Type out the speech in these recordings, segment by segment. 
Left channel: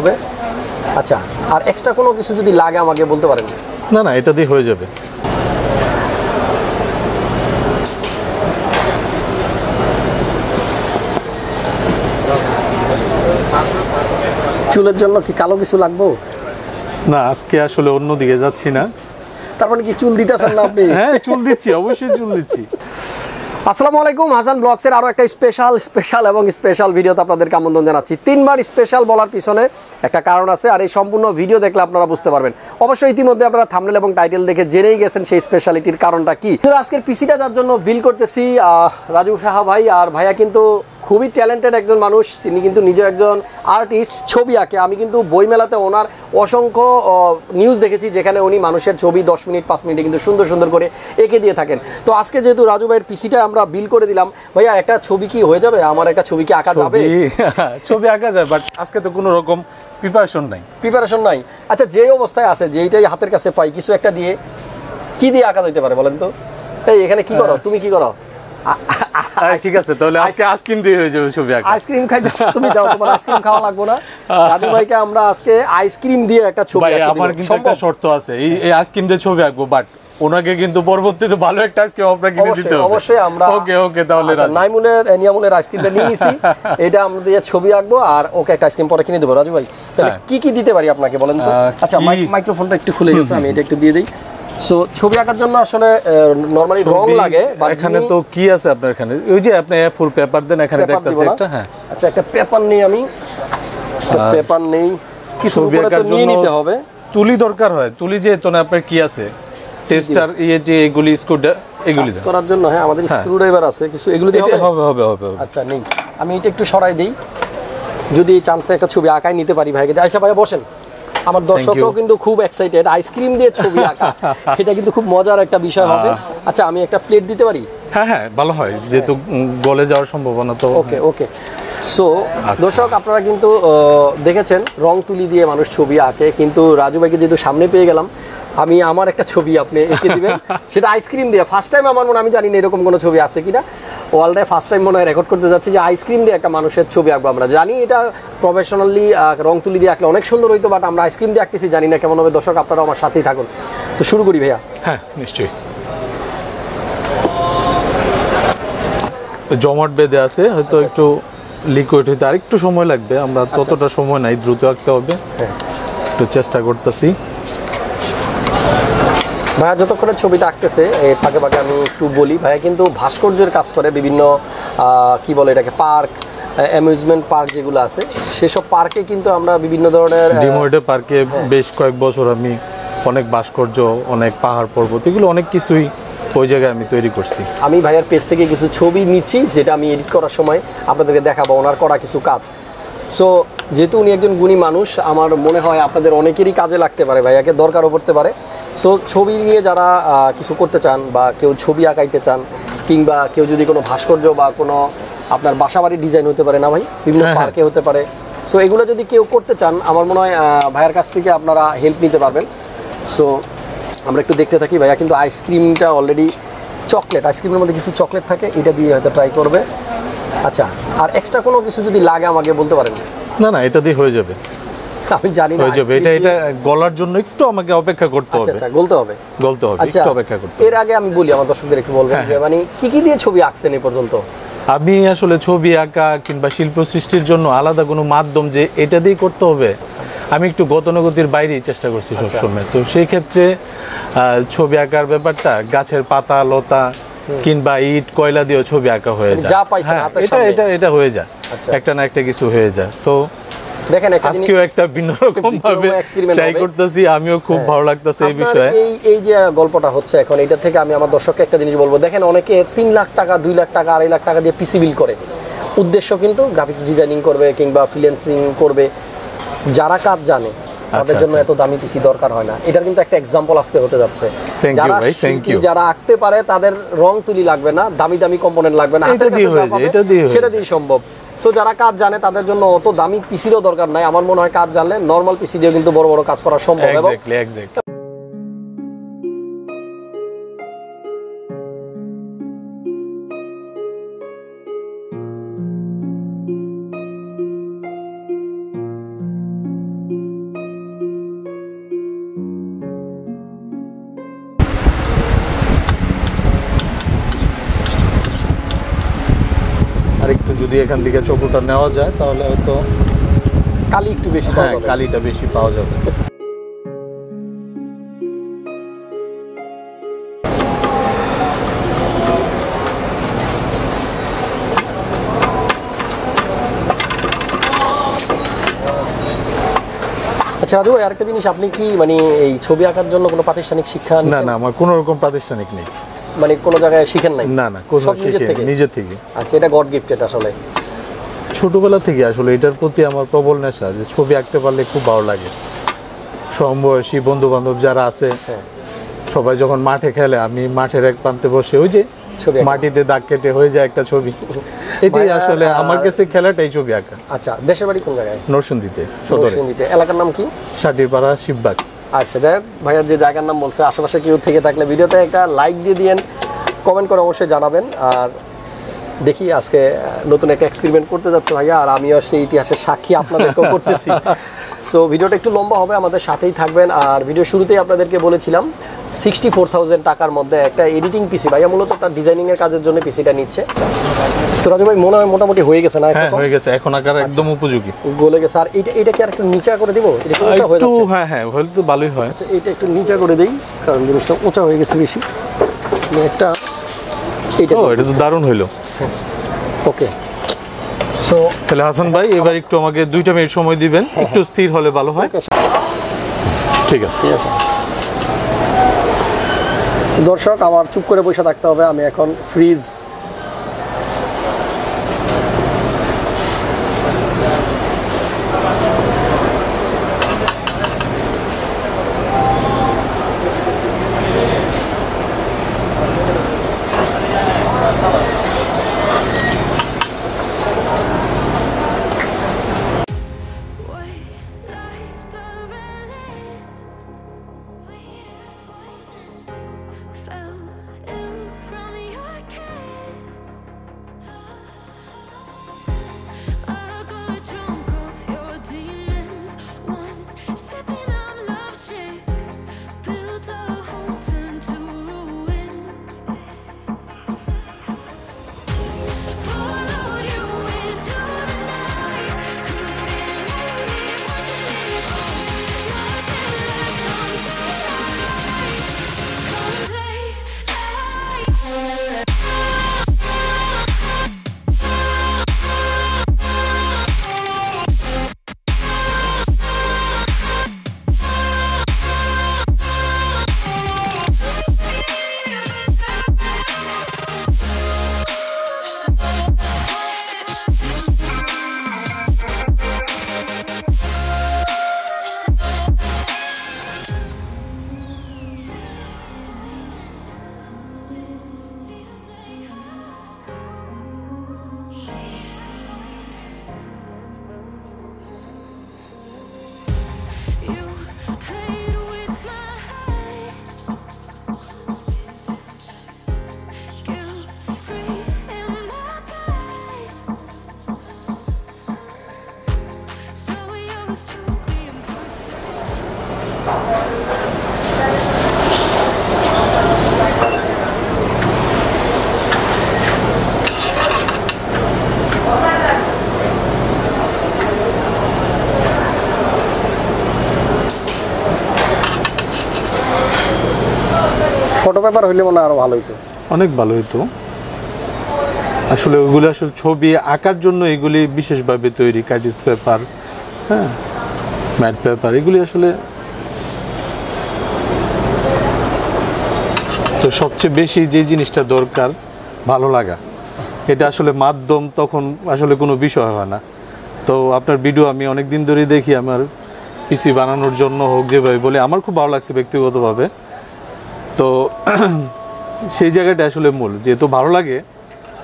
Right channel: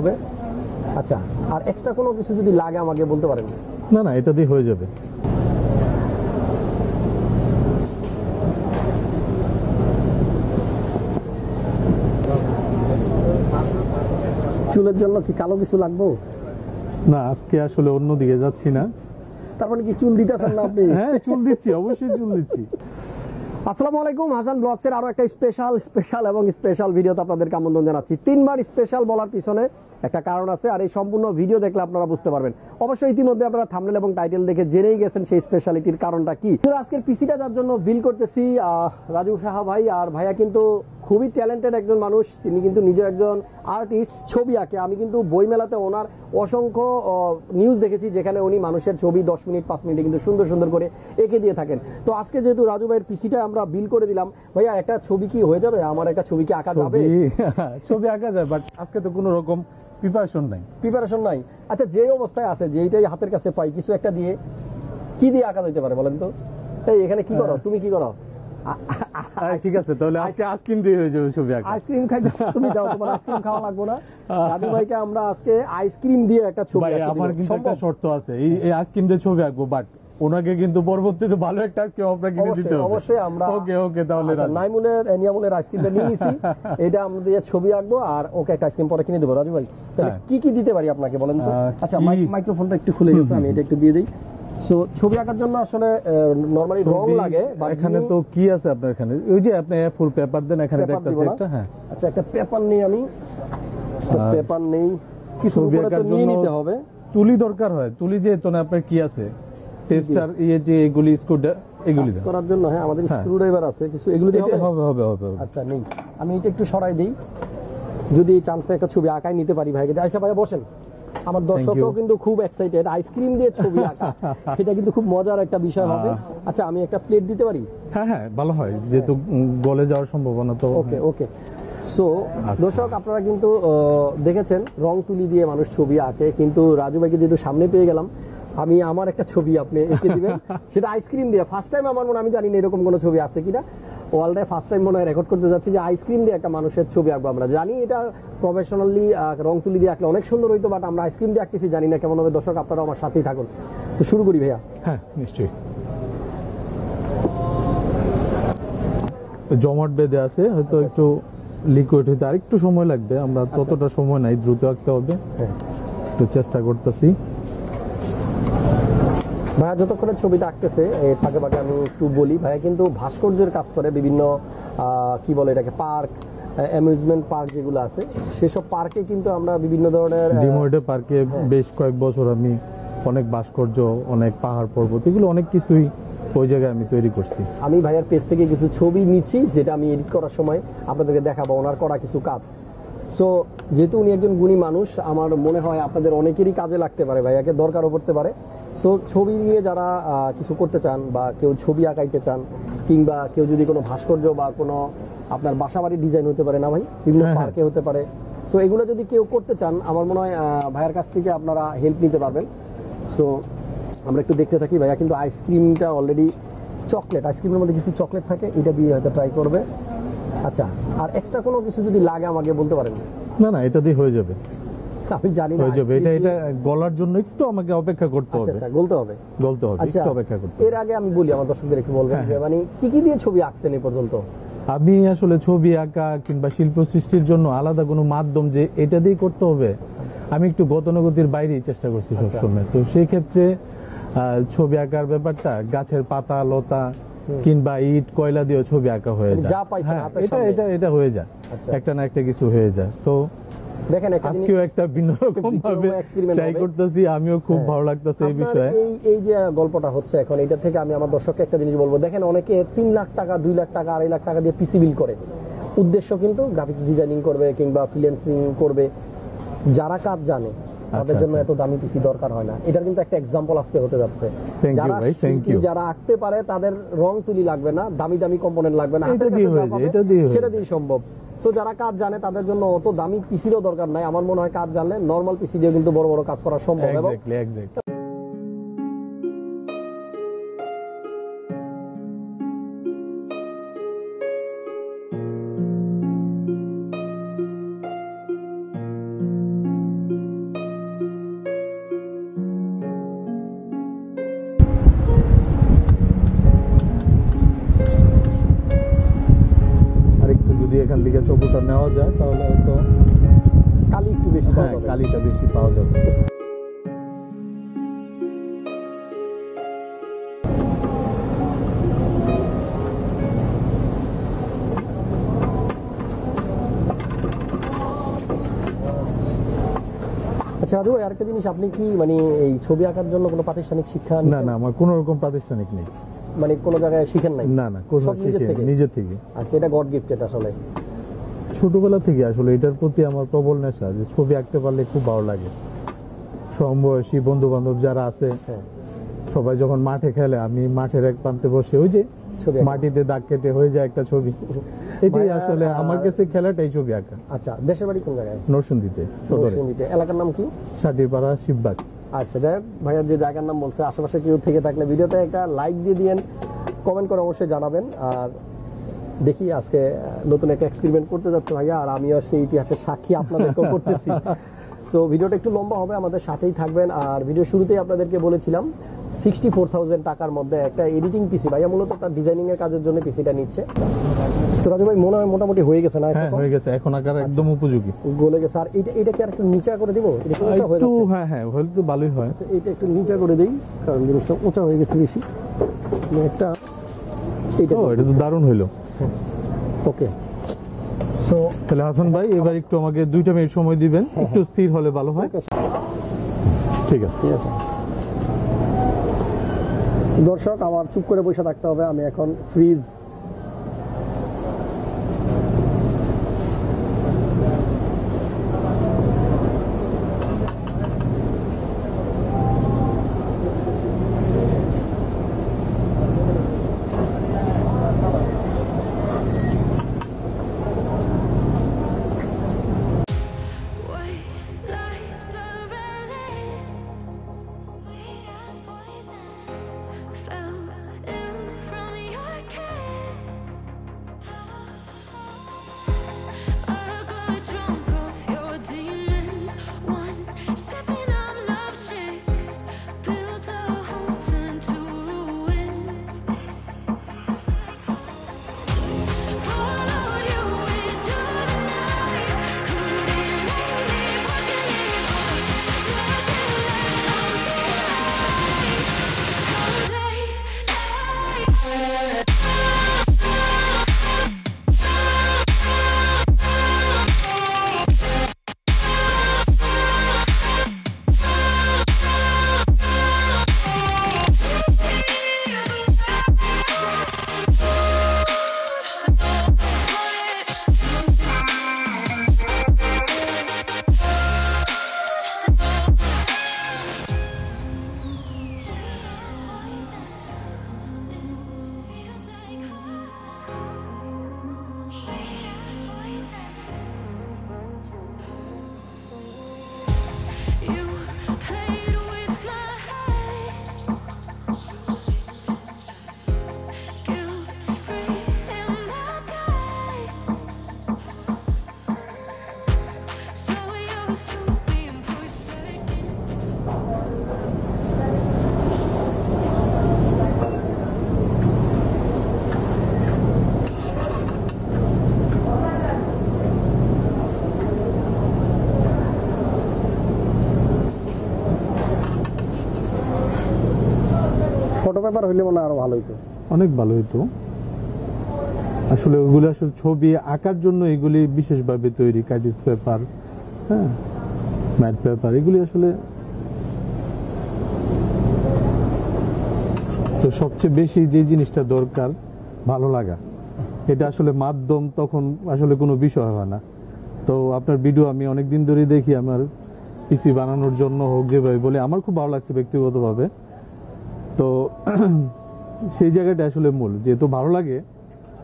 হবে। আচ্ছা, আর এক্সট্রা কোনো কিছু যদি লাগে আমাকে বলতে পারেন? না না, এটা দিয়ে হয়ে যাবে। চুলের জন্য কি কালো কিছু লাগবে? না, আজকে আসলে অন্য দিকে যাচ্ছি না। তার মানে কি চুল দিতেছেন না আপনি? হ্যাঁ, চুল দিচ্ছি, অবশ্যই চুল দিচ্ছি। আসসালামু আলাইকুম, হাসান ব্লগসের আরও একটা স্পেশাল ভিডিওতে আপনাদেরকে আমন্ত্রণ জানাচ্ছি। 3 বার স্পেশাল বলার পিছনে একটা কারণ আছে, আর এই সম্পূর্ণ ভিডিও দেখলে আপনারা বুঝতে পারবেন। অবশ্যই ইতিমধ্যে আপনারা থাম্বনেল এবং টাইটেল দেখে জেনেই গেছেন সেই স্পেশালিটির কারণটা কি। তো আজকের পিসিটা যার জন্য বিল করতেছি রাজু সাহা ভাই, আর ভাইয়া কিন্তু খুবই ট্যালেন্টেড একজন মানুষ। তিনি কিন্তু নিজে একজন আর্টিস্ট, ছবি আঁকে। আমি কিন্তু বইমেলাতে ওনার অসংখ্য নিউজ দেখেছি যেখানে উনি মানুষের ছবি 10 মিনিট 5 মিনিটে কিন্তু সুন্দর সুন্দর করে এঁকে দিয়ে থাকেন। তো আজকে যেহেতু রাজু ভাইয়ের পিসিটা আমরা বিল করে দিলাম, ভাইয়া একটা ছবি কি হয়ে যাবে? আমার একটা ছবি কি আঁকা যাবে? ছবি আঁকা যায়, বাট আজকে তো কোনো রকম প্রিপারেশন নাই। আচ্ছা, যে অবস্থায় আছে, যেইটাই হাতের কাছে পাই, কিছু একটা দিয়ে কি দিয়ে আঁকা যেতে পারে বলেন তো? এই এখানে কি করো, তুমি কি করো? ঠিক আছে, তাহলে আজকে আইসক্রিম দিয়ে হয়ে যাবে ছবি আঁকা। আইসক্রিম খাইতেছ তুমি? দাও, তোমার আইসক্রিম খাওয়া লাগবে না। রাজু ভাইকে আমরা আজকে আইসক্রিম দিয়ে একটা ছবি আঁকতে দিব। আমার কিন্তু একটা শর্ত আছে, এই আইসক্রিম দিয়ে ছবি আঁকবো, বাট ওনাকে কিন্তু পরবর্তীতে ভালো একটা আইসক্রিম আপনাকে কিনে দিতে হবে। অবশ্যই আমরা ওকে তাহলে নিয়ামুলের আইসক্রিমটা নিয়ে নিছি, এটা আমরা দিয়ে ছবি আঁকবো, আর ওকে একটা আইসক্রিম পরে কিনে দেবো। রাজু ভাই, তাহলে কি দিতে পারি আপনাকে বলেন তো? আচ্ছা, মাইক্রোফোনটা একটু খুলে গেছে, আমি এটা একটু দিয়ে দিই। সো ছবি আঁকার জন্য আসলে নরমালি রং লাগে। এখানে তো কি আছে আপনার? এখানে ওই যে আপনি ফুল পেপার দেন, এখানে দেখতেছি একটা। হ্যাঁ, আচ্ছা, একটা পেপার নেই, আমি পেপার নেই, কিছু উপরে তো নিয়ে নিতে হবে। তুলি দরকার হয়, তুলি যে তো না আপনার কি আছে? টেস্টার এগুলি স্ক্রুটা এগুলি করার জন্য। হ্যাঁ, আমাদের স্ক্রুড্রাইভার আছে কিছু, এগুলো দিয়ে হবে। আচ্ছা, নেই, আমি এটা একটু সরাই দেই, যদি এই চান্সে একটা ছবি আঁকাই নিতে পারি ভাইকে। আচ্ছা ভাইয়া বসেন, আমার দর্শকরাও কিন্তু খুব এক্সাইটেড আইসক্রিম দিয়ে ছবি আঁকা, এটা কিন্তু খুব মজার একটা বিষয় হবে। আচ্ছা, আমি একটা প্লেট দিতে পারি? হ্যাঁ, ভালো হয়, যেহেতু গলে যাওয়ার সম্ভাবনা তো। ওকে। সো দর্শক, আপনারা কিন্তু দেখেছেন রং তুলি দিয়ে মানুষ ছবি আঁকে, কিন্তু রাজু ভাইকে যেহেতু সামনে পেয়ে গেলাম, আমি আমার একটা ছবি আপনি এঁকে দিবেন, সেটা আইসক্রিম দিয়ে। ফার্স্ট টাইম আমার মনে, আমি জানি না এরকম কোনো ছবি আছে কিনা, ওয়ার্ল্ডে ফার্স্ট টাইম মনে হয় রেকর্ড করতে যাচ্ছি যে আইসক্রিম দিয়ে একটা মানুষের ছবি আঁকবো। আমরা জানি এটা প্রফেশনালি রং তুলি দিয়ে আঁকলে অনেক সুন্দর হইতো, বাট আমরা আইসক্রিম দিয়ে আঁকতেছি, জানি না কেমন হবে। দর্শক, আপনারা আমার সাথেই থাকুন। তো শুরু করি ভাইয়া। হ্যাঁ, নিশ্চয়ই। জমাট বেঁধে আছে, হয়তো একটু লিকুইড হইতে আর একটু সময় লাগবে। আমরা ততটা সময় নাই, দ্রুত আঁকতে হবে। একটু চেষ্টা করতেছি। ভাইয়া যতক্ষণে ছবিটা আঁকতেছে, এর ফাঁকে ফাঁকে আমি একটু বলি, ভাইয়া কিন্তু ভাস্কর্যের কাজ করে। বিভিন্ন কি বলে এটাকে, পার্ক, অ্যামিউজমেন্ট পার্ক যেগুলো আছে, সেসব পার্কে কিন্তু আমরা বিভিন্ন ধরনের ডিমোডে পার্কে বেশ কয়েক বছর আমি অনেক ভাস্কর্য, অনেক পাহাড় পর্বত, এগুলো অনেক কিছুই ওই জায়গায় আমি তৈরি করছি। আমি ভাইয়ার পেজ থেকে কিছু ছবি নিচ্ছি, যেটা আমি এডিট করার সময় আপনাদেরকে দেখাবো ওনার করা কিছু কাজ। সো যেহেতু উনি একজন গুণী মানুষ, আমার মনে হয় আপনাদের অনেকেরই কাজে লাগতে পারে, ভাইয়াকে দরকারও পড়তে পারে। সো ছবি নিয়ে যারা কিছু করতে চান, বা কেউ ছবি আঁকাইতে চান, কিংবা কেউ যদি কোনো ভাস্কর্য বা কোনো আপনার বাসাবাড়ির ডিজাইন হতে পারে না ভাই, বিভিন্ন পার্কে হতে পারে, সো এগুলো যদি কেউ করতে চান, আমার মনে হয় ভাইয়ার কাছ থেকে আপনারা হেল্প নিতে পারবেন। সো আমরা একটু দেখতে থাকি। ভাইয়া কিন্তু আইসক্রিমটা অলরেডি চকলেট, আইসক্রিমের মধ্যে কিছু চকলেট থাকে, এটা দিয়ে হয়তো ট্রাই করবে। আচ্ছা, আর এক্সট্রা কোনো কিছু যদি লাগে আমাকে বলতে পারেন? না, এটা দিয়ে হয়ে যাবে। আমি জানি না, হয়ে যাবে। এটা গলার জন্য একটু আমাকে অপেক্ষা করতে হবে। আচ্ছা, গলতে হবে, একটু অপেক্ষা করতে হবে। এর আগে আমি বলি, আমার দর্শকদের একটু বলবেন যে মানে কি দিয়ে ছবি আঁকছেন এই পর্যন্ত? আমি আসলে ছবি আঁকা কিংবা শিল্প সৃষ্টির জন্য আলাদা কোনো মাধ্যম যে এটা দিয়ে করতে হবে, আমি একটু গতানুগতির বাইরেই চেষ্টা করছি সবসময়। তো সেই ক্ষেত্রে ছবি আঁকার ব্যাপারটা গাছের পাতা লতা কিংবা ইট কয়লা দিয়েও ছবি আঁকা হয়ে যায়। এটা হয়ে যায়, একটা না একটা কিছু হয়ে যায়। তো দেখেন, আজকেও একটা ভিন্ন রকম ভাবে ট্রাই করতেছি, আমিও খুব ভালো লাগতেছে এই বিষয়ে। এই যে গল্পটা হচ্ছে এখন, এটা থেকে আমি আমার দর্শককে একটা জিনিস বলবো। দেখেন, অনেকে 3 লাখ টাকা, 2 লাখ টাকা, 2.5 লাখ টাকা দিয়ে পিসি বিল করে। উদ্দেশ্য কিন্তু গ্রাফিক্স ডিজাইনিং করবে কিংবা ফ্রিল্যান্সিং করবে। যারা কাজ জানে তাদের জন্য এত দামি পিসি দরকার হয় না। এটার কিন্তু একটা এক্সাম্পল আজকে হতে যাচ্ছে। যারা আঁকতে পারে তাদের রং তুলি লাগবে না, দামি দামি কম্পোনেন্ট লাগবে না, সেটা দিয়ে সম্ভব। সো যারা কাজ জানে তাদের জন্য অত দামি পিসিরও দরকার নাই। আমার মনে হয় কাজ জানলে নর্মাল পিসি দিয়েও কিন্তু বড় বড় কাজ করা সম্ভব। এখান থেকে চকুটা নেওয়া যায় তাহলে হয়তো কালি একটু বেশি পাওয়া যাবে। কালিটা বেশি পাওয়া যাবে। আচ্ছা রাজু ভাই, আরেকটা জিনিস, আপনি কি মানে এই ছবি আঁকার জন্য কোনো প্রাতিষ্ঠানিক শিক্ষা না নিয়েছেন? না, আমার কোনো রকম প্রাতিষ্ঠানিক নেই। মানে কোনো জায়গায় শিখেন নাই? না না, কোনো সব নিজের থেকে? নিজের থেকে। আচ্ছা, এটা গড গিফটেড আসলে। ছোটবেলা থেকে আসলে এটার প্রতি আমার প্রবল নেশা, যে ছবি আঁকতে পারলে খুব ভালো লাগে। সমবয়সী বন্ধু বান্ধব যারা আছে সবাই যখন মাঠে খেলে, আমি মাঠের এক প্রান্তে বসে ওই যে ছবি আঁকা। মাটিতে দাগ কেটে হয়ে যায় একটা ছবি, এটাই আসলে আমার কাছে খেলাটাই ছবি আঁকা। আচ্ছা, দেশের বাড়ি কোন জায়গায়? নরসিংদীতে, সদরে। নরসিংদীতে। এলাকার নাম কি? সাটিরপাড়া, শিববাগ। আচ্ছা, যাই হোক, ভাইয়ার যে জায়গার নাম বলছে, আশেপাশে কেউ থেকে থাকলে ভিডিওতে একটা লাইক দিয়ে দিয়েন, কমেন্ট করে অবশ্যই জানাবেন। আর দেখি আজকে নতুন একটা এক্সপেরিমেন্ট করতে যাচ্ছে ভাইয়া, আর আমিও সেই ইতিহাসের সাক্ষী আপনাদেরকেও করতেছি। সো ভিডিওটা একটু লম্বা হবে, আমাদের সাথেই থাকবেন। আর ভিডিও শুরুতেই আপনাদেরকে বলেছিলাম 64,000 টাকার মধ্যে একটা এডিটিং পিসি, ভাইয়া মূলত তার ডিজাইনিংয়ের কাজের জন্য পিসিটা নিচ্ছে। তো রাজু ভাই, মনে হয় মোটামুটি হয়ে গেছে না? হ্যাঁ, হয়ে গেছে, এখন আকার একদম উপযোগী, গলে গেছে। আর এটা কি আর একটু নিচা করে দিব? এটা কি উঁচা হয়ে একটু? যাচ্ছে? হ্যাঁ হ্যাঁ, হলে তো ভালোই হয়। আচ্ছা, এটা একটু নিচা করে দেই, কারণ জিনিসটা উঁচা হয়ে গেছে বেশি। একটা এইটা এটা তো দারুণ হইলো। ওকে। সো তাহলে হাসান ভাই, এবার একটু আমাকে 2টা মিনিট সময় দিবেন, একটু স্থির হলে ভালো হয়। ঠিক আছে। ঠিক আছে দর্শক, আমার চুপ করে বসে থাকতে হবে, আমি এখন ফ্রিজ। ফটো পেপার হইলে মনে আরো ভালো হইতো, অনেক ভালো হইতো। আসলে ওইগুলো আসলে ছবি আঁকার জন্য এগুলি বিশেষভাবে তৈরি, ক্রিয়েটিস পেপার, হ্যাঁ, ম্যাট পেপার, এগুলি আসলে। তো সবচেয়ে বেশি যে জিনিসটা দরকার, ভালো লাগা, এটা আসলে মাধ্যম তখন আসলে কোনো বিষয় হয় না। তো আপনার ভিডিও আমি অনেক দিন ধরেই দেখি, আমার পিসি বানানোর জন্য হোক, যেভাবে বলে আমার খুব ভালো লাগছে ব্যক্তিগতভাবে। তো সেই জায়গাটা আসলে মূল, যেহেতু ভালো লাগে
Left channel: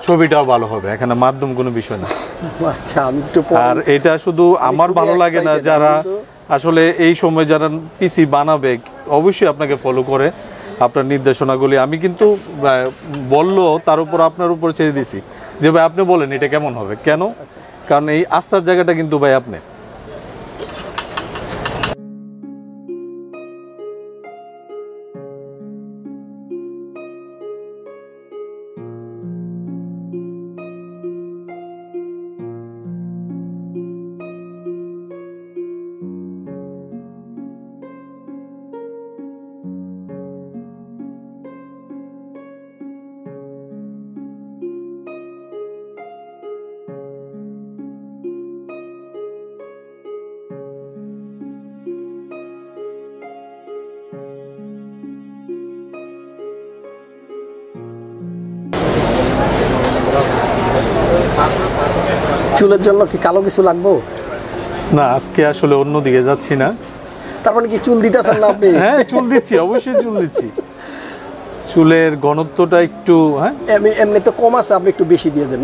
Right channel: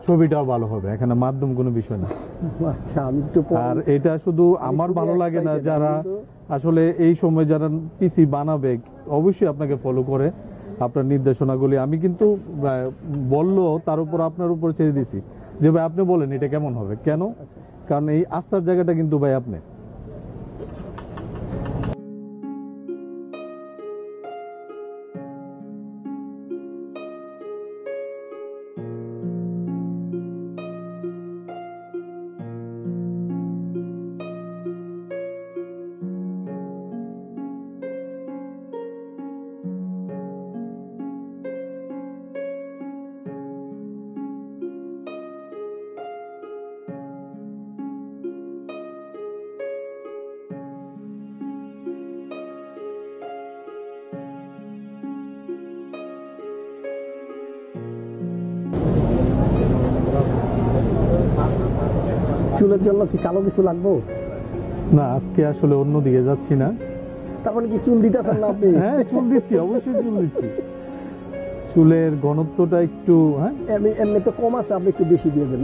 ছবিটাও ভালো হবে, এখানে মাধ্যম কোনো বিষয় না। আচ্ছা, আমি একটু আর এটা শুধু আমার ভালো লাগে না, যারা আসলে এই সময় যারা পিসি বানাবে অবশ্যই আপনাকে ফলো করে আপনার নির্দেশনাগুলি। আমি কিন্তু বললো তার উপর আপনার উপর ছেড়ে দিছি যে ভাই আপনি বলেন এটা কেমন হবে, কেন? কারণ এই আস্থার জায়গাটা কিন্তু ভাই আপনি। চুলের জন্য কি কালো কিছু লাগবে? না, আজকে আসলে অন্যদিকে যাচ্ছি না। তার মানে কি চুল দিতেছেন না আপনি? হ্যাঁ, চুল দিচ্ছি, অবশ্যই চুল দিচ্ছি। চুলের ঘনত্বটা একটু এমনি তো কম আছে, আপনি একটু বেশি দিয়ে দেন।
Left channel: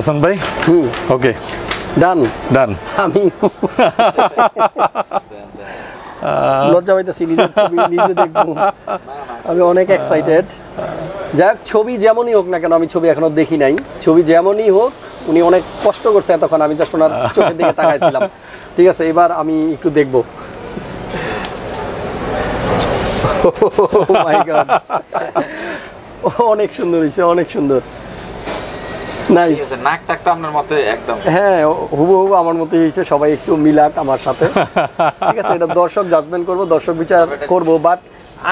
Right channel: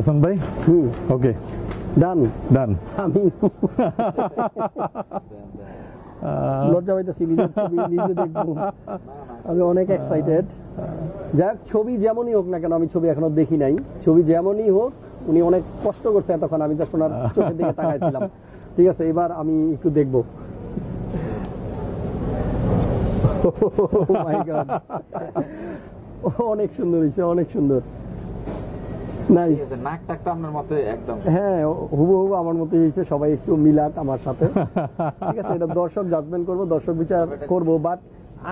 হাসান ভাই, ওকে, ডান ডান। আমি লজ্জা পাইতেছি, নিজের ছবি নিজে দেখবো, আমি অনেক এক্সাইটেড। যাই হোক, ছবি যেমনই হোক না কেন, আমি ছবি এখনো দেখি নাই, ছবি যেমনই হোক উনি অনেক কষ্ট করছে এতক্ষণ, আমি জাস্ট ওনার চোখের দিকে তাকাইছিলাম। ঠিক আছে, এবার আমি একটু দেখবো। অনেক সুন্দর হয়েছে, অনেক সুন্দর, নাইস। নাক টাক তো আপনার মতে একদম, হ্যাঁ হুবহু আমার মতোই হয়েছে, সবাই একটু মিলাক আমার সাথে। ঠিক আছে, এটা দর্শক জাজমেন্ট করবো, দর্শক বিচার করবো। বাট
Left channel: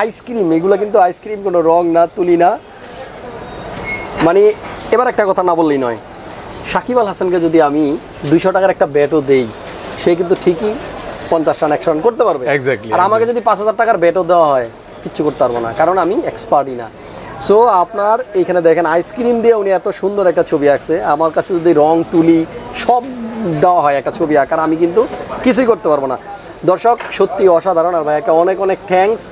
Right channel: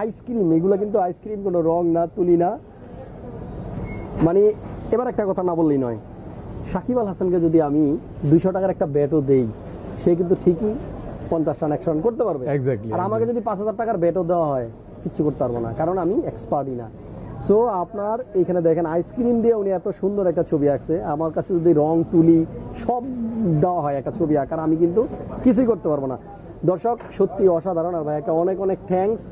আইসক্রিম, এগুলো কিন্তু আইসক্রিম, কোনো রং না, তুলি না। মানে এবার একটা কথা না বললেই নয়, সাকিব আল হাসানকে যদি আমি 200 টাকার একটা ব্যাটও দেই, সে কিন্তু ঠিকই 50 রান 100 রান করতে পারবে। আর আমাকে যদি 5000 টাকার ব্যাটও দেওয়া হয়, কিচ্ছু করতে পারবো না, কারণ আমি এক্সপার্টই না। সো আপনার এইখানে দেখেন, আইসক্রিম দিয়ে উনি এত সুন্দর একটা ছবি আঁকছে। আমার কাছে যদি রং তুলি সব দেওয়া হয় একটা ছবি আঁকার, আমি কিন্তু কিছুই করতে পারবো না। দর্শক সত্যি অসাধারণ, আর ভাইয়াকে অনেক অনেক থ্যাঙ্কস।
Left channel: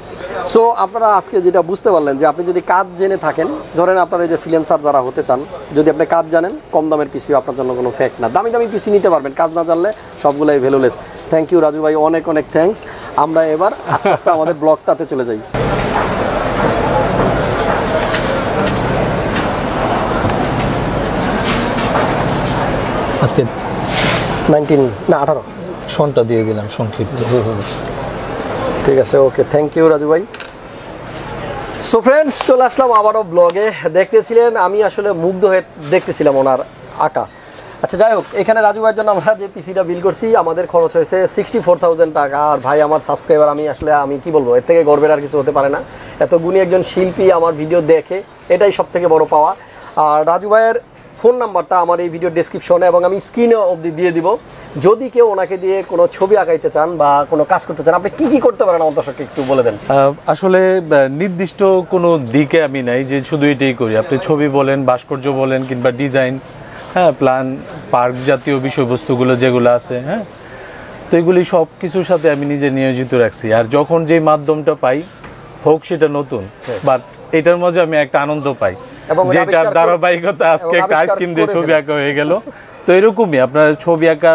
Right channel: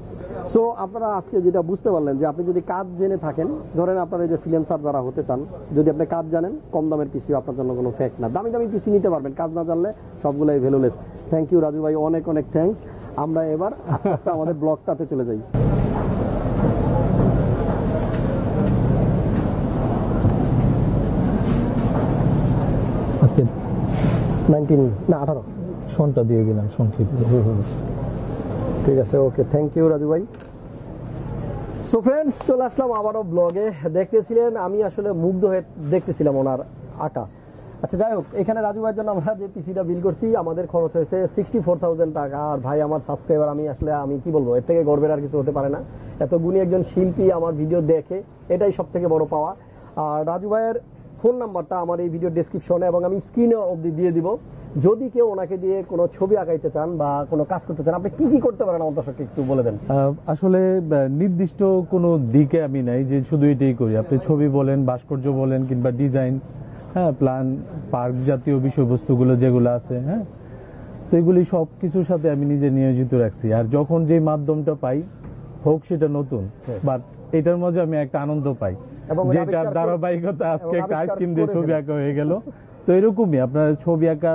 সো আপনারা আজকে যেটা বুঝতে পারলেন যে আপনি যদি কাজ জেনে থাকেন, ধরেন আপনারা এই যে ফ্রিল্যান্সার যারা হতে চান, যদি আপনি কাজ জানেন, কম দামের পিসিও আপনার জন্য কোনো ফ্যাক্ট না। দামি দামি পিসি নিতে পারবেন, কাজ না জানলে সবগুলোই ভ্যালুলেস। থ্যাংক ইউ রাজু ভাই, অনেক অনেক থ্যাঙ্কস। আমরা এবার আস্তে আস্তে আমাদের ব্লগটাতে চলে যাই। আজকে 19 না 18 সনটা দিয়ে দিলাম সংক্ষিপ্ত। ঠিক আছে, ওকে, থ্যাংক ইউ রাজু ভাই। সো ফ্রেন্ডস, চলে আসলাম আবারও ব্লগে। দেখতেছিলেন, আমি আসলে মুগ্ধ হয়ে দেখতেছিলাম ওনার আঁকা। আচ্ছা যাই হোক, এখানে রাজু ভাইয়ের জন্য আমরা যে পিসিটা বিল করছি, আমাদের খরচ হয়েছে 64,000 টাকা। আর ভাই আমার সাবস্ক্রাইবার, আমি কি বলবো, এর থেকে গর্বের আর কিছু হতে পারে না। এত গুণী একজন শিল্পী আমার ভিডিও দেখে, এটাই সব থেকে বড় পাওয়া। আর রাজু ভাইয়ের ফোন নাম্বারটা আমার এই ভিডিও ডেসক্রিপশনে এবং আমি স্ক্রিনে অবধি দিয়ে দিব। যদি কেউ ওনাকে দিয়ে কোনো ছবি আঁকাইতে চান বা কোনো কাজ করতে চান, আপনি কি কি করতে পারেন আমার দর্শককে একটু বলে দেন। আসলে নির্দিষ্ট কোনো দিকে আমি নাই যে শুধু এটাই করি। আপনি ছবি বলেন, ভাস্কর্য বলেন, কিংবা ডিজাইন, হ্যাঁ, প্ল্যান, পার্ক জাতীয় বিষয়বস্তুগুলো যেগুলো আছে, হ্যাঁ, তো এগুলি সব কিছুর সাথে আমি নিজে নিয়োজিত রাখছি। আর যখন যেই মাধ্যমটা পাই, হোক সেটা নতুন, বাট এটার মধ্যে আমি একটা আনন্দ পাই, যেটার ধারাবাহিকতা আজকে একটা আইসক্রিম দিয়ে ছবি আঁকা হয়ে গেল। তো এরকমই আপনার ছবি আঁকা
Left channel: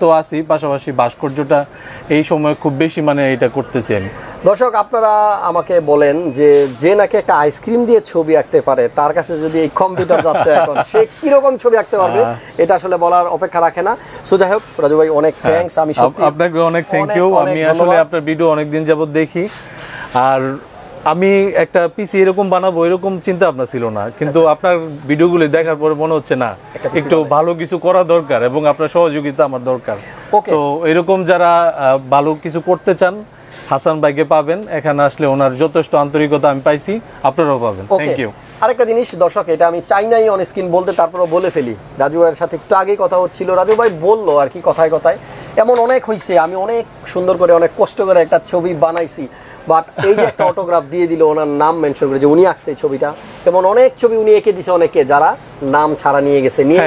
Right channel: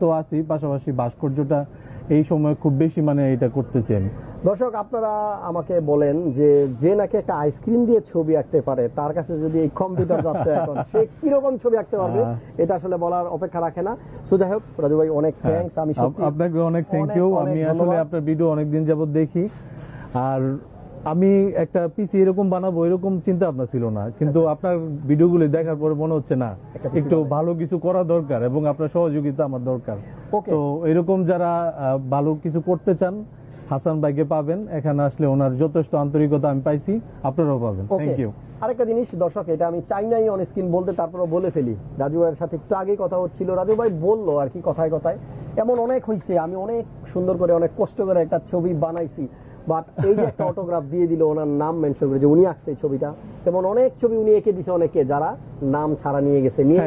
তো আছি, পাশাপাশি ভাস্কর্যটা এই সময় খুব বেশি মানে এটা করতেছি আমি। দর্শক আপনারা আমাকে বলেন যে নাকি একটা আইসক্রিম দিয়ে ছবি আঁকতে পারে, তার কাছে যদি এই কম্পিউটার যাচ্ছে এখন, সে কিরকম ছবি আঁকতে পারবে, এটা আসলে বলার অপেক্ষা রাখে না। সো যাই হোক রাজু ভাই, অনেক থ্যাঙ্কস। আমি সত্যি আপনাকে অনেক থ্যাংক ইউ। আমি আসলে আপনার ভিডিও অনেকদিন যাবত দেখি, আর আমি একটা পিসি এরকম বানাবো এরকম চিন্তা ভাবনা ছিল না, কিন্তু আপনার ভিডিওগুলো দেখার পরে মনে হচ্ছে না, একটু ভালো কিছু করা দরকার এবং আপনার সহযোগিতা আমার দরকার। তো এরকম যারা ভালো কিছু করতে চান, হাসান ভাইকে পাবেন। এখানে আসলে ওনার যথেষ্ট আন্তরিকতা আমি পাইছি, আপনারাও পাবেন। Thank you. আরেকটা জিনিস দর্শক, এটা আমি চাই নাই অন স্ক্রিন বলতে, তারপরে বলে ফেলি। রাজু ভাইয়ের সাথে একটু আগেই কথা হচ্ছিল, রাজু ভাই বললো আর কি কথায় কথায়, এমন অনেক হয়েছে, আমি অনেক সুন্দর করে অনেক কষ্ট করে একটা ছবি বানাইছি, বাট এই যে একটা অটোগ্রাফ দিয়ে দিল, ওনার নাম মেনশন করে যে উনি আঁকছে এই ছবিটা, এমন অনেক ছবি উনি এঁকে দিছে অনেকে, যারা নাম ছাড়া নিয়ে গেছে, নিয়ে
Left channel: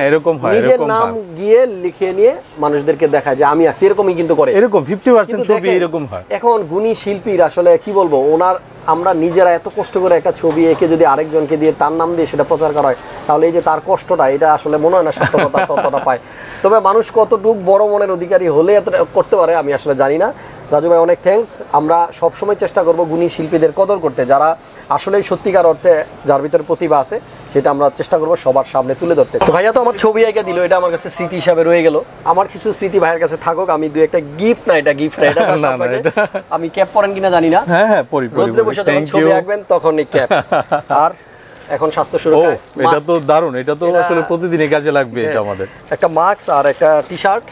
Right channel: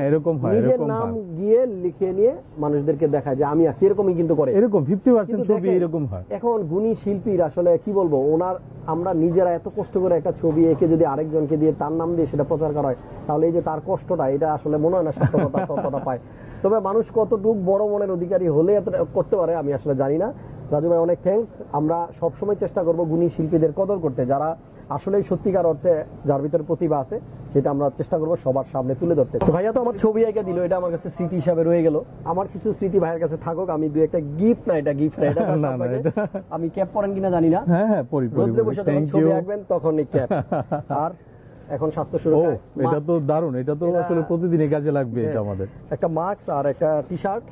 নিজের নাম গিয়ে লিখে নিয়ে মানুষদেরকে দেখায় যে আমি আঁকছি, এরকমই কিন্তু করে। এরকম 50% ছবি এরকম হয়। এখন গুণী শিল্পীর আসলে কি বলবো, ওনার আমরা নিজেরা এত কষ্ট করে একটা ছবি এঁকে যদি আরেকজনকে দিয়ে তার নাম দিয়ে সেটা প্রচার করা হয়, তাহলে এই যে তার কষ্টটা, এটা আসলে মনে হয় না সার্থকতা ততটা পায়। তবে মানুষ কতটুক বড় মনের অধিকারী হলে এত করতে পারে আমি আসলে জানি না। রাজু ভাই অনেক থ্যাঙ্কস। আমরা সবসময় চেষ্টা করব গুণী শিল্পীদের কদর করতে, যারা আসলেই সত্যিকার অর্থে যার ভিতরে প্রতিভা আছে সেটা আমরা চেষ্টা করব সবার সামনে তুলে ধরতে। তো ভাইয়া তো আমার ছবি এঁকে দিল, এটা আমার কাছে স্মৃতি হিসাবে রয়ে গেল। আমার কিছু স্মৃতি ভাইয়ের কাছে থাকুক, আমি দুই একটা গিফট না, এটা গিফট না, এটা আমি ক্যাপ পরেন কিনা জানি না। হ্যাঁ হ্যাঁ, পরি পরি। রোদ্রে বসে যখন ছবি আঁকবেন তখন এই ক্যাপ। আর এখন স্বাস্থ্য সুরক্ষা, এটা তো দারুণ, এটা তো আসলে প্রতিদিনই কাজে লাগবে। এটা আমাদের একটা মাস্ক আর একটা টি-শার্ট,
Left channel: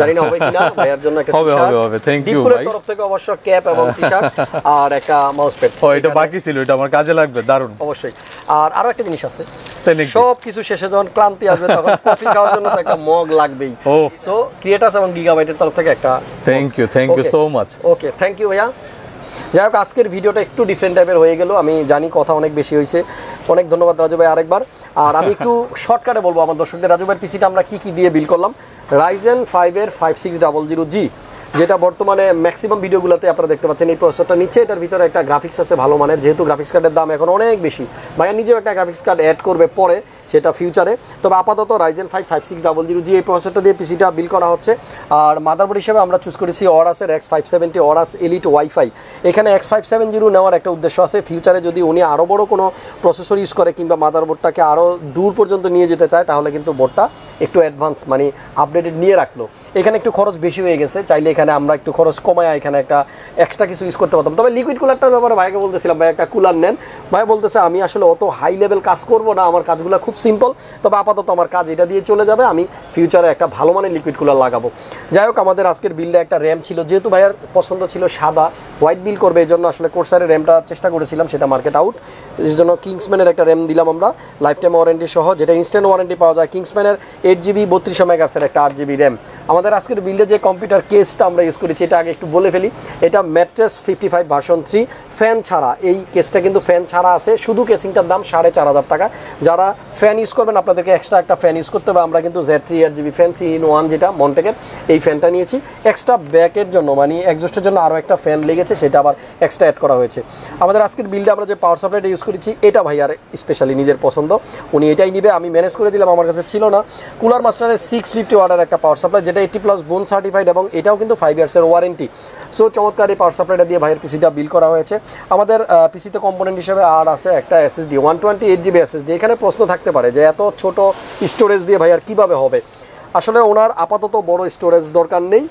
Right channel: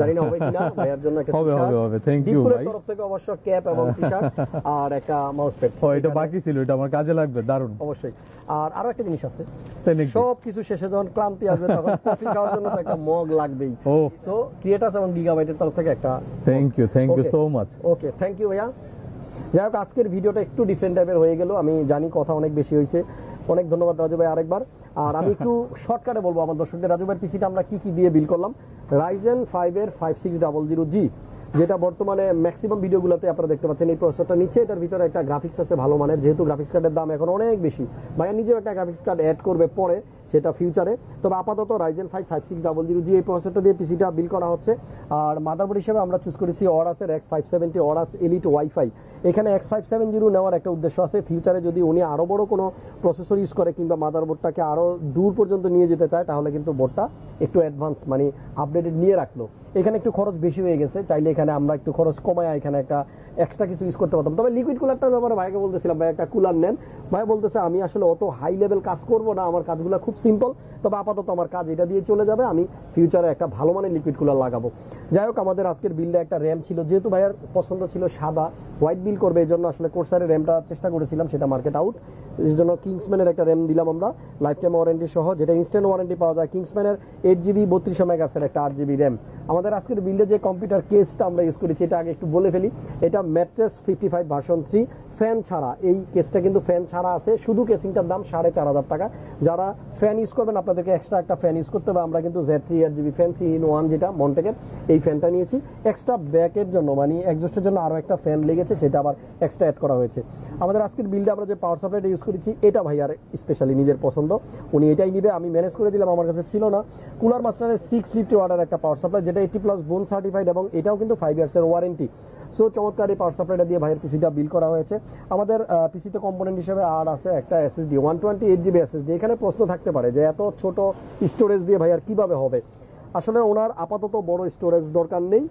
জানি না হবে কিনা, ভাইয়ার জন্য একটা টি-শার্ট হবে। থ্যাংক ইউ ভাই। তরফ থেকে অবশ্য ক্যাপ এবং টি-শার্ট আর একটা মাউস প্যাড। এটা বাকি ছিল, এটা আমার কাজে লাগবে, দারুণ। অবশ্যই। আর আরো একটা জিনিস আছে, সব কিছু শেষে যখন ক্লান্তি আসবে তখন কফি খাওয়ার জন্য তো একটা মগ লাগবেই। সো ক্রিয়েটাস এবং গিগাবাইটের তরফ থেকে একটা thank you so much. Okay, thank you ভাইয়া। যাই হোক, আজকের ভিডিওটা একটু ডিফারেন্ট টাইপের হয়ে গেল, আমি জানি কথা অনেক বেশি হয়েছে। অনেক ধন্যবাদ রাজু ভাই আরেকবার। আর আমি একটু শর্টকাটে বলবো আমার দর্শকদের, রাজু ভাইয়ের পিসিটা আমরা কি দিয়ে বিল করলাম। Ryzen 5 এর 5600G, যেটা বর্তমানে ম্যাক্সিমাম ভিডিওগুলোতে আপনারা দেখতে পাচ্ছেন। এই প্রসেসরটা নিচে, এটার ভিতরে একটা গ্রাফিক্স আছে ভালো মানের, যেহেতু গ্রাফিক্স কার্ডের দাম এখন অনেক বেশি। ভাইয়া নিজেও একটা গ্রাফিক্স কার্ড অ্যাড করবে পরে, সেটা ফিউচারে। তবে আপাতত Ryzen 5 5600G এই প্রসেসরটা দিয়ে পিসিটা বিল করা হচ্ছে। আর মাদারবোর্ড হিসেবে আমরা চুজ করেছি অরাসের X570 অরাস এলিট ওয়াইফাই। এখানে X570 নেওয়ার একটা উদ্দেশ্য আছে, ফিউচারে যদি উনি আরও বড় কোনো প্রসেসর ইউজ করে কিংবা মাদারবোর্ডটাকে আরও দূর পর্যন্ত নিয়ে যেতে চায়, তাহলে কিন্তু বোর্ডটা একটু অ্যাডভান্স মানে আপডেটেড নিয়ে রাখলো। এখানে একটু খরচ বেশি হয়ে গেছে, চাইলে এখানে আমরা একটু খরচ কমায় এখানে একটা এক্সট্রা কিছু ইউজ করতে পারতাম। তবে লিকুইড কুলারটার ব্যাপারে ভাইকে বলতেছিলাম, ভাই একটা কুলার নেন। ভাই বলতেছে আমি আসলে অত হাই লেভেল কাজ করব না, আমার কাজগুলো খুব সিম্পল, তবে আপাতত আমার কাজ এটা দিয়ে চলে যাবে, আমি ফিউচারে একটা ভালো মানের লিকুইড কুলার লাগাবো। যাই হোক, আমাদের আজকের বিলটা একটা র্যাম ছিল, যেহেতু ভাইয়ার পছন্দ ছিল সাদা, হোয়াইট বিল করবে, এই জন্য আসলে কোর্সারের র্যামটা চেষ্টা করেছিলাম, সেটা মার্কেট আউট। এই জন্য কিংসম্যানের একটা র্যাম দিলাম আমরা, লাইফ টাইম ওয়ারেন্টি সহ, যেটা ইনস্ট্যান্ট ওয়ারেন্টি পাওয়া যায়। কিংসম্যানের 8GB 3200 মেগাহার্টজের একটা 8GB র্যাম। আমাদের আজকের বিল্ডে যে কম্পিউটার কেসটা আমরা ইউজ করেছি, এটা আগে একটু বলে ফেলি। এটা ম্যাট্রেস 55 ভার্সন 3 ফ্যান ছাড়া, এই কেসটা কিন্তু ফ্যান ছাড়া আছে, শুধু কেসিংটার দাম 4500 টাকা। যারা ফ্যান ইউজ করবেন আপনাদেরকে এক্সট্রা একটা ফ্যান ইউজ করতে হবে। আমরা কিন্তু Z3 8GB ফ্যান 3-in-1 যেটা মন্টেকের, এই ফ্যানটা নিয়েছি। এক্সট্রা ব্যাকের জন্য মানে এক্সস্টের জন্য আরও একটা ফ্যান লেগেছে, সেটা আবার এক্সট্রা অ্যাড করা হয়েছে। আমাদের আজকের বিল্ডে আমরা যে পাওয়ার সাপ্লাইটা ইউজ করেছি, এটা ভাইয়ার স্পেশালি নিজের পছন্দ, উনি এটাই নিবে, আমি ম্যানেজ করে দিলাম, আমার কাছে ছিল না। কুলার মাস্টারের 650 ওয়াটের একটা পাওয়ার সাপ্লাই, যেটা 80+ বোন সার্টিফাইড এবং এটাও কিন্তু 5 ইয়ার্সের ওয়ারেন্টি। সো চমৎকার এই পাওয়ার সাপ্লাইটা দিয়ে ভাইয়ের পিসিটা বিল করা হয়েছে। আমাদের পিসিতে কম্পোনেন্ট হিসেবে আর আছে একটা SSD 128GB SSD। এখানে প্রশ্ন থাকতে পারে যে এত ছোট স্টোরেজ দিয়ে ভাইয়ার কীভাবে হবে। আসলে ওনার আপাতত বড় স্টোরেজ দরকার নেই,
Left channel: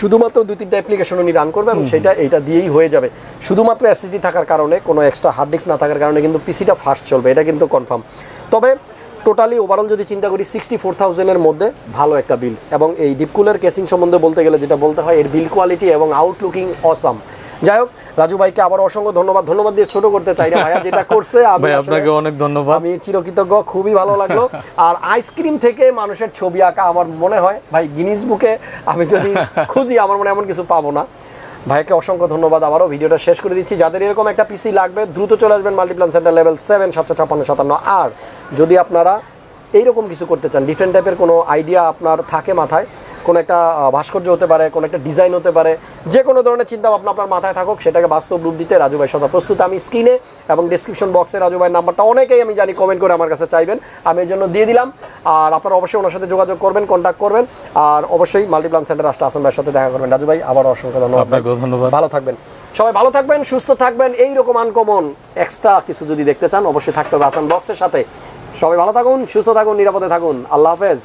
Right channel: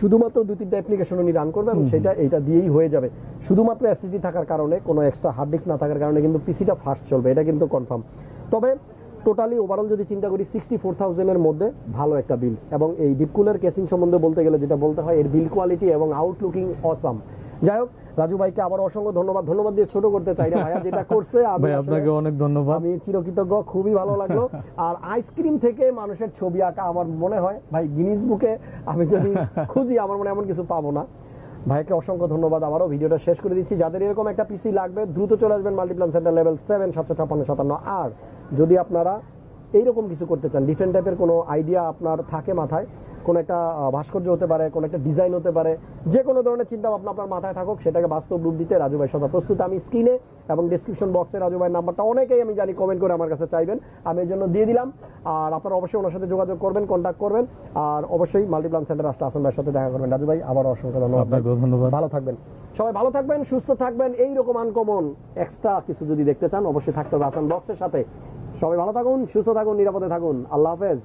শুধুমাত্র 2-3টা অ্যাপ্লিকেশন উনি রান করবে এবং সেটা এইটা দিয়েই হয়ে যাবে। শুধুমাত্র SSD থাকার কারণে, কোনো এক্সট্রা হার্ড ডিস্ক না থাকার কারণে কিন্তু পিসিটা ফাস্ট চলবে, এটা কিন্তু কনফার্ম। তবে টোটালি ওভারঅল যদি চিন্তা করি 64,000-এর মধ্যে ভালো একটা বিল। এবং এই ডিপকুলার কেসিং সম্বন্ধে বলতে গেলে যেটা বলতে হয়, এর বিল কোয়ালিটি এবং আউটলুকিং অসাম। যাই হোক, রাজু ভাইকে আবার অসংখ্য ধন্যবাদ দিয়ে ছোট করতে চাই না, ভাইয়া যেটা করছে আপনাকে অনেক ধন্যবাদ, আমি চিরকৃতজ্ঞ, খুবই ভালো লাগলো। আর আইসক্রিম থেকে মানুষের ছবি আঁকা আমার মনে হয় ভাই গিনিস বুকে আমি যদি খুঁজি আমার মনে এমন কিছু পাবো না। ভাইকে অসংখ্য ধন্যবাদ। আবারও ভিডিওটা শেষ করে দিচ্ছি। যাদের এরকম একটা পিসি লাগবে দ্রুত চলে আসবেন মাল্টিপ্ল্যান সেন্টার লেভেল 7 75657। আর যদি আপনারা এইরকম কিছু করতে চান, ডিফারেন্ট টাইপের কোনো আইডিয়া আপনার থাকে মাথায়, কোনো একটা ভাস্কর্য হতে পারে, কোনো একটা ডিজাইন হতে পারে, যে কোনো ধরনের চিন্তা ভাবনা আপনার মাথায় থাকুক, সেটাকে বাস্তব রূপ দিতে রাজু ভাই সদা প্রস্তুত। আমি স্ক্রিনে এবং ডিসক্রিপশন বক্সে রাজু ভাইয়ের নাম্বারটা অনেকেই আমি জানি কমেন্ট করে আমার কাছে চাইবেন, আমি এই জন্য দিয়ে দিলাম। আর আপনারা অবশ্যই ওনার সাথে যোগাযোগ করবেন, কন্ট্যাক্ট করবেন। আর অবশ্যই মাল্টিপ্ল্যান সেন্টার আসতে হাসান ভাইয়ের সাথে দেখা করবেন। রাজু ভাই আবার অসংখ্য ধন্যবাদ, ভালো থাকবেন, সবাই ভালো থাকবেন, সুস্থ থাকবেন। এইরকম আনকমন এক্সট্রা কিছু যদি দেখতে চান অবশ্যই থাকতে হবে হাসান ব্লগসের সাথে। সবাই ভালো থাকুন, সুস্থ থাকুন, নিরাপদে থাকুন। আল্লাহ হাফেজ।